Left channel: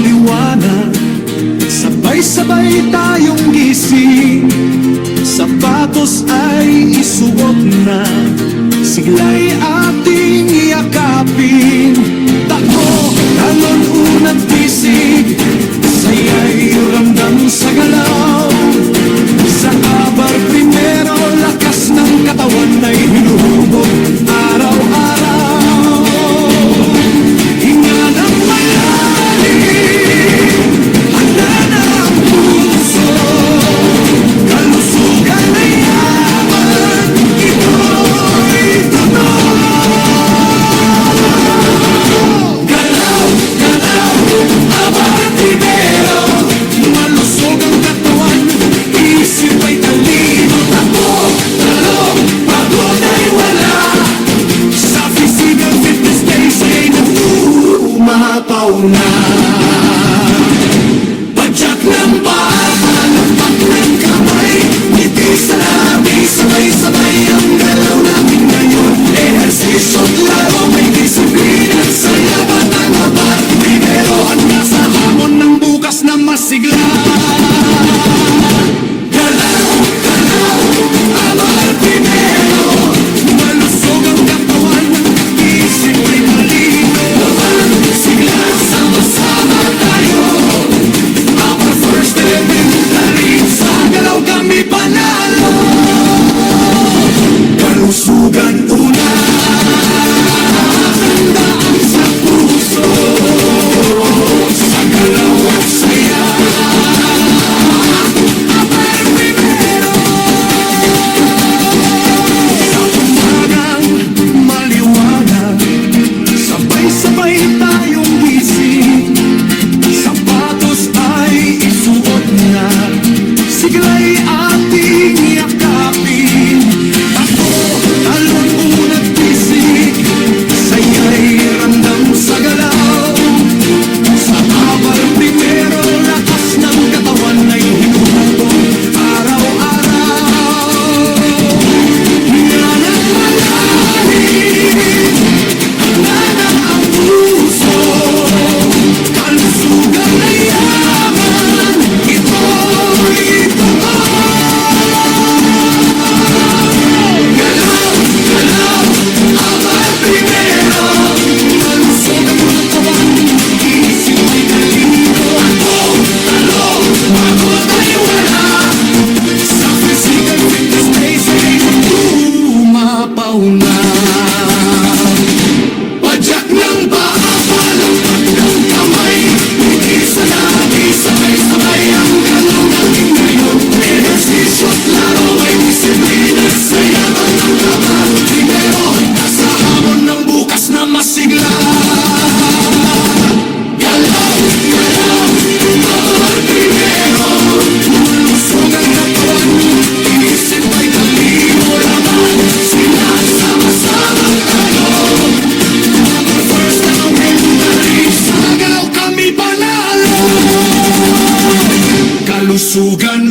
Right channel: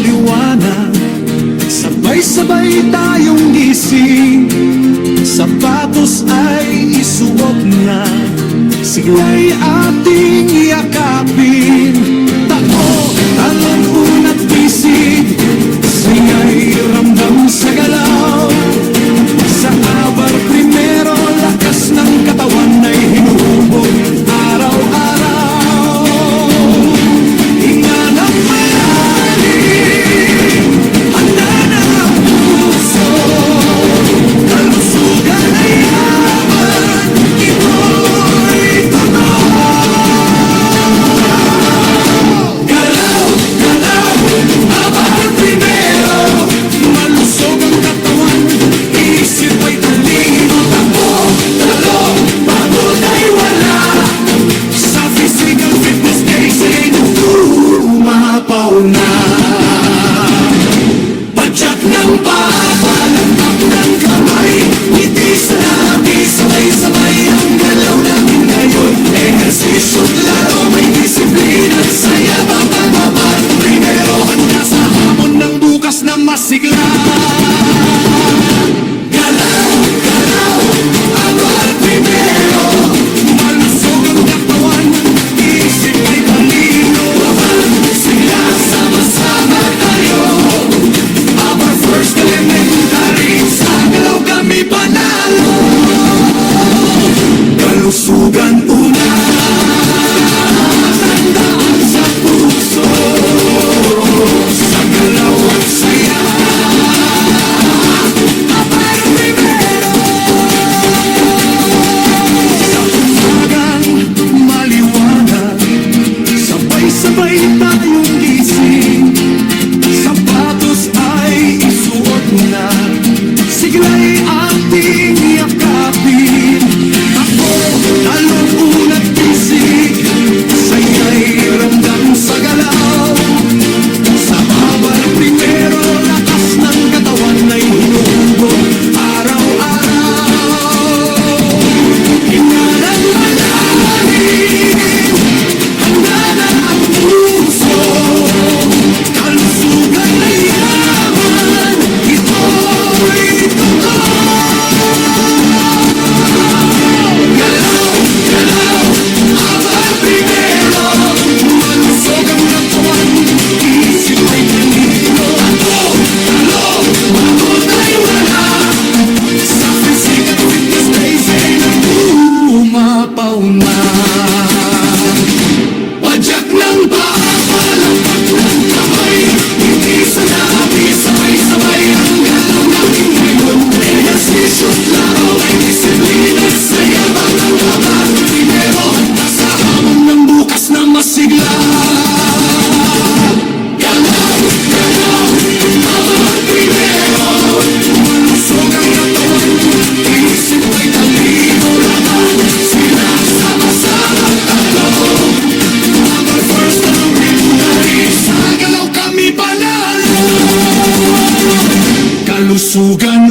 maliwanag, sabay-sabay tayong gising. Sapatos ay isuot na, sigla'y ating yakapin. Tako, talon, unat, pisig, saya'y ramdam sa galaw. Sa abar primero, lakas ng katawan ay hinuhubog araw-araw. Hinga ng malalim, handa na ang puso, kalusugan ay yaman, ito'y totoo. Galaw, galaw, abar primero, malusog ang katawan, isip ay talino. Takbo, talo, pagod ay wala. Sa physical fitness day, saya'y umapaw na. Padyak ng paa, palakpak ng kamay, ngiti sa labi, sabay-sabay ang galaw natin ngayon. Ehersisyo't laro, may disiplina at saya, batang abar primero, handa sa hamon ng bukas na masigla. Galaw, galaw, abar primero, malusog ang katawan, isip ay talino. Sigla, sama-sama tayo, abar first elementary, sa galaw kami panalo. Kalusugan una, tandaan sa puso, sa galaw at saya, abar primero. Sa umagang maliwanag, sabay-sabay tayong gising. Sapatos ay isuot na, sigla'y ating yakapin. Takbo, talon, unat, pisig, saya'y ramdam sa galaw. Sa abar primero, lakas ng katawan ay hinuhubog araw-araw. Hinga ng malalim, handa na ang puso, kalusugan na yaman, ito'y totoo. Galaw, galaw, abar primero, malusog ang katawan, isip ay talino. Takbo, talo, pagod ay wala. Sa physical fitness day, saya'y umapaw na. Padyak ng paa, palakpak ng kamay, ngiti sa labi, sabay-sabay ang galaw natin ngayon. Ehersisyo't laro, may disiplina at saya, batang abar primero, handa sa hamon ng bukas na masigla. Galaw, galaw, abar primero, malusog ang katawan, isip ay talino. Laban, sila, sama-sama tayo, abar first elementary, sa galaw kami panalo. Kalusugan